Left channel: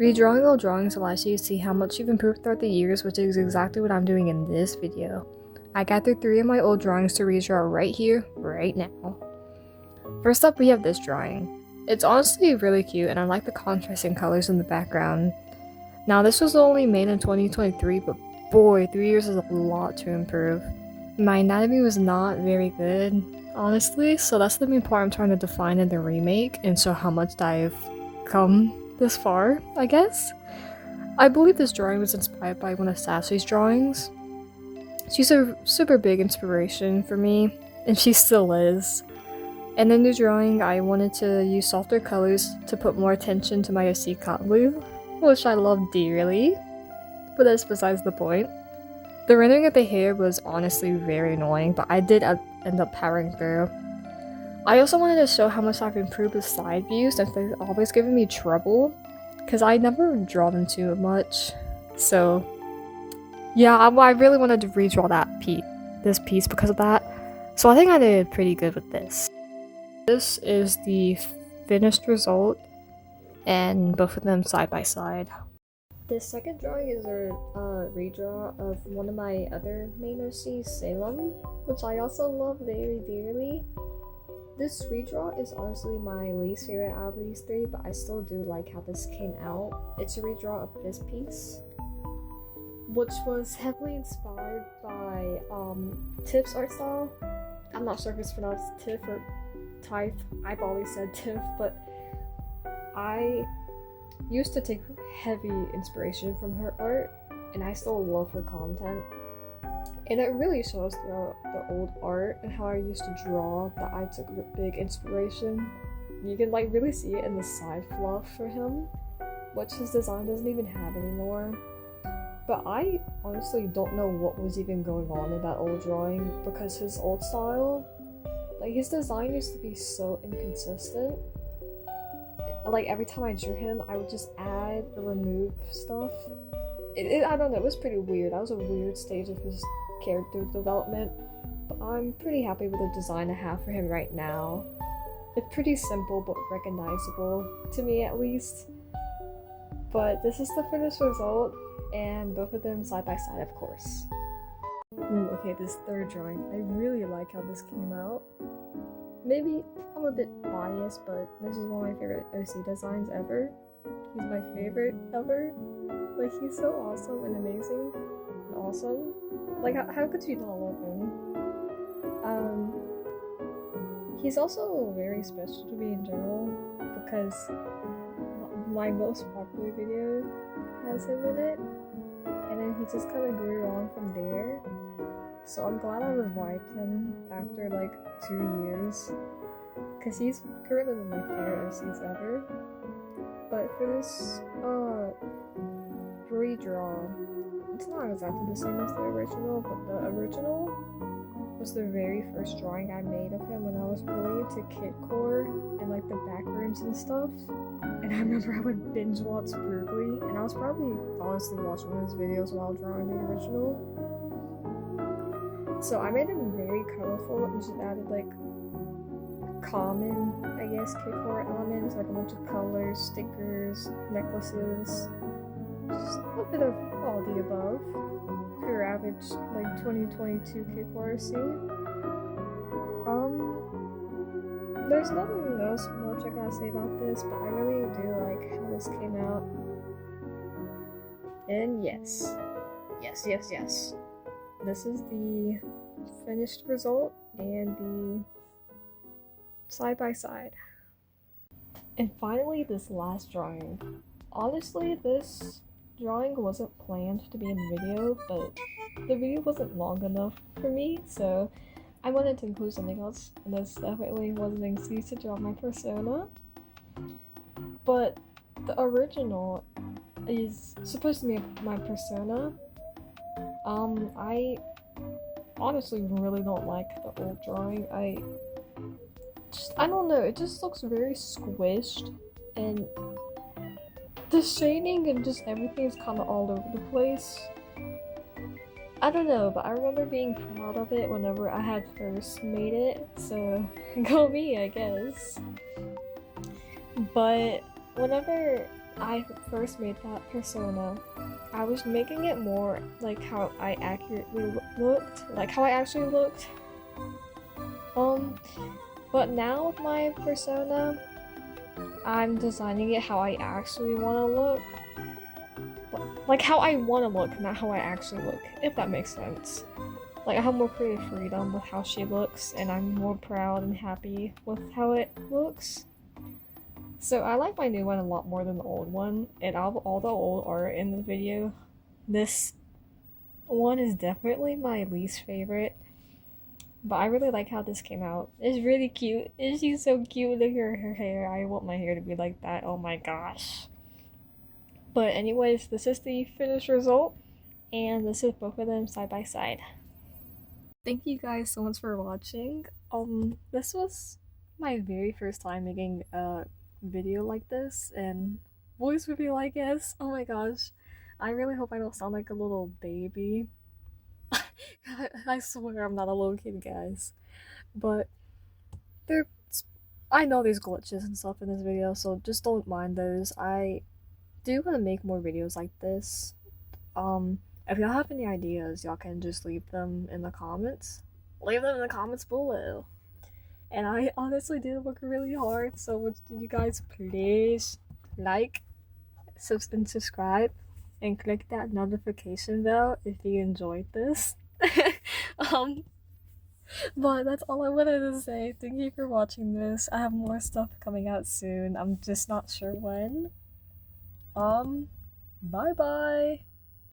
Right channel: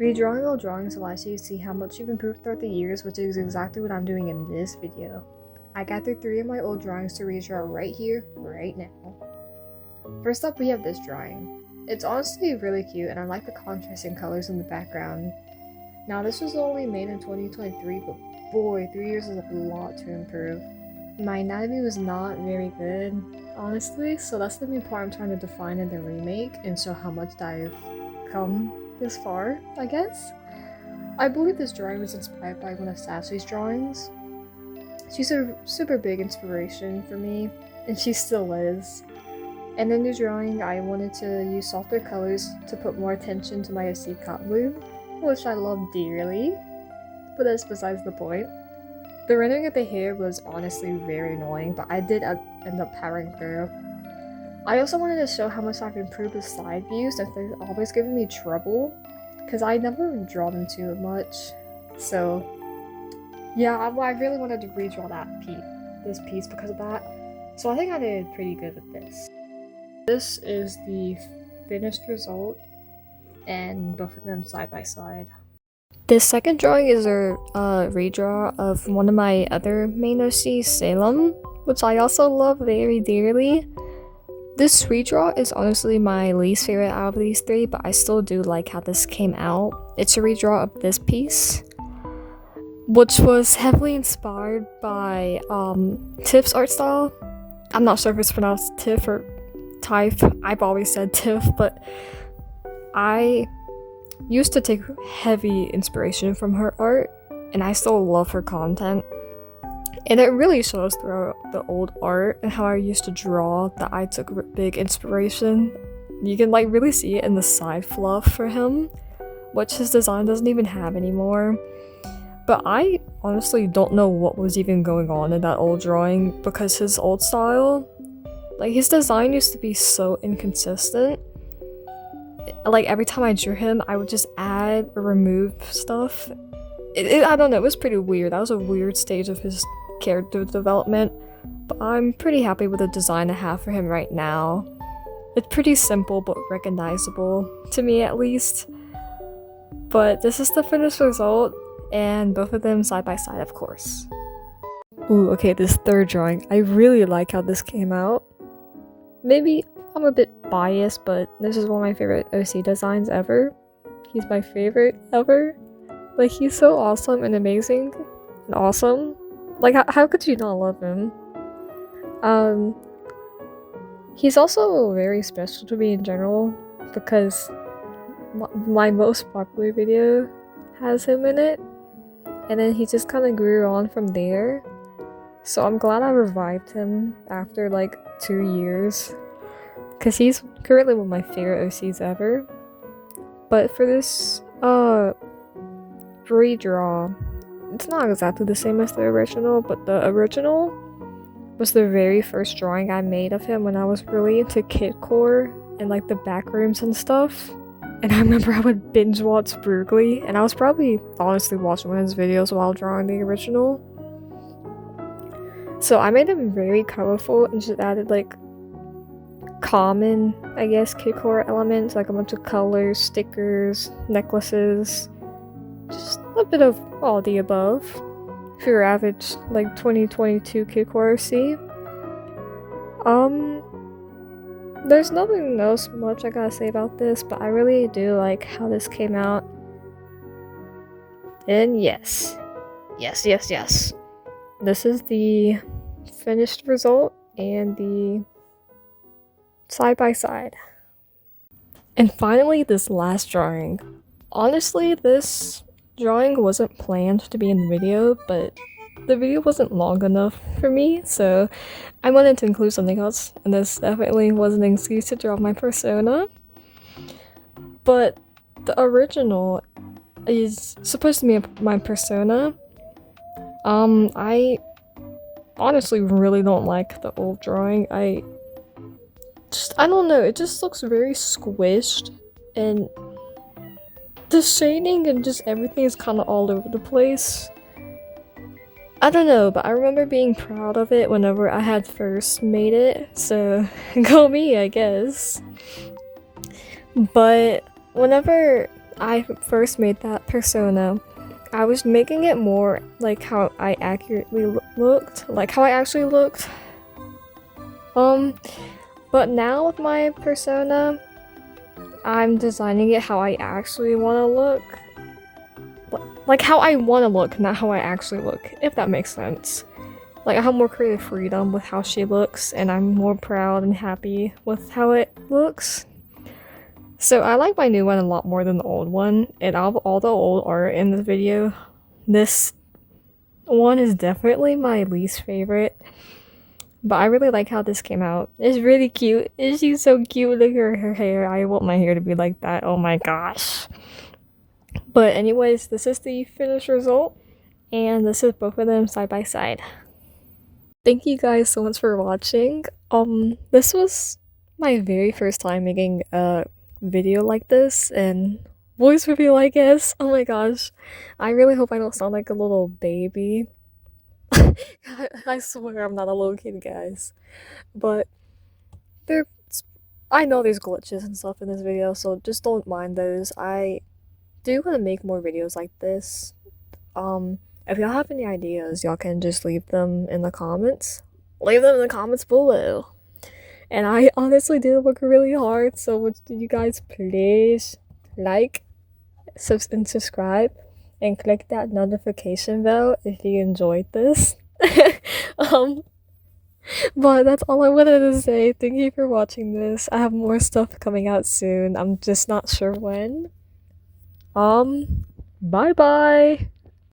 Redrawing old drawings allows you to see how much you've improved throughout the years, which is exactly what I'm doing in this video. I gathered 3 of my old drawings to redraw right here, right now. First up, we have this drawing. It's honestly really cute, and I like the contrasting colors in the background. Now, this was only made in 2023, but boy, 3 years is a lot to improve. My anatomy was not very good, honestly, so that's the main part I'm trying to define in the remake, and so how much I've come this far, I guess. I believe this drawing was inspired by one of Sassy's drawings. She's a super big inspiration for me, and she still is. And in the drawing, I wanted to use softer colors to put more attention to my OC blue, which I love dearly, but that's besides the point. The rendering of the hair was honestly very annoying, but I did end up powering through. I also wanted to show how much I've improved with side views, and they've always given me trouble, because I never draw them too much. So yeah, I really wanted to redraw this piece because of that. So I think I did pretty good with this. This is the finished result, and both of them side by side. This second drawing is a redraw of one of my other main OCs, Salem, which I also love very dearly. This redraw is honestly my least favorite out of these 3, but I still do like how this came out. It's a redraw of this piece, which was heavily inspired by Tiff's art style. I'm not sure if it's pronounced Tiff or Tiff. I've always said Tiff, but I used to take heavy inspiration from her art, and I still love her content. And it really shows throughout the old art and how I used to draw that I took big inspiration. You can like really see it in the side fluff for him, which his design doesn't even have anymore. But I honestly don't know what was even going on in that old drawing, because his old style, like his design used to be so inconsistent. Like every time I drew him, I would just add or remove stuff. I don't know, it was pretty weird. That was a weird stage of his character development, but I'm pretty happy with the design I have for him right now. It's pretty simple but recognizable, to me at least. But this is the finished result, and both of them side by side, of course. Ooh, okay, this third drawing. I really like how this came out. Maybe I'm a bit biased, but this is one of my favorite OC designs ever. He's my favorite ever. Like, he's so awesome and amazing and awesome. Like, how could you not love him? He's also very special to me in general, because my most popular video has him in it, and then he just kind of grew on from there. So I'm glad I revived him after like 2 years, because he's currently one of my favorite OCs ever. But for this redraw, it's not exactly the same as the original, but the original was the very first drawing I made of him when I was really into kidcore and like the backrooms and stuff. And I remember I would binge watch Brugly, and I was probably honestly watching one of his videos while drawing the original. So I made him very colorful and just added like common, I guess, kidcore elements, like a bunch of colors, stickers, necklaces, just a bit of all the above for your average like 2022 kidcore OC. There's nothing else much I gotta say about this, but I really do like how this came out. And yes. This is the finished result and the side by side. And finally, this last drawing. Honestly, this drawing wasn't planned to be in the video, but the video wasn't long enough for me, so I wanted to include something else, and this definitely was an excuse to draw my persona. But the original is supposed to be my persona. I honestly really don't like the old drawing. I don't know, it just looks very squished, and the shading and just everything is kind of all over the place. I don't know, but I remember being proud of it whenever I had first made it, so go me, I guess. But whenever I first made that persona, I was making it more like how I accurately looked, like how I actually looked. But now with my persona, I'm designing it how I actually want to look. Like how I want to look, not how I actually look, if that makes sense. Like I have more creative freedom with how she looks, and I'm more proud and happy with how it looks. So I like my new one a lot more than the old one, and out of all the old art in this video, this one is definitely my least favorite. But I really like how this came out. It's really cute. She's so cute. Look at her hair. I want my hair to be like that. Oh my gosh. But anyways, this is the finished result. And this is both of them side by side. Thank you guys so much for watching. This was my very first time making a video like this and voice reveal, I guess. Oh my gosh. I really hope I don't sound like a little baby. I swear I'm not a little kid, guys. But I know there's glitches and stuff in this video, so just don't mind those. I do want to make more videos like this. If y'all have any ideas, y'all can just leave them in the comments. Leave them in the comments below. And I honestly did work really hard, so would you guys please like and subscribe and click that notification bell if you enjoyed this. But that's all I wanted to say. Thank you for watching this. I have more stuff coming out soon. I'm just not sure when. Bye bye.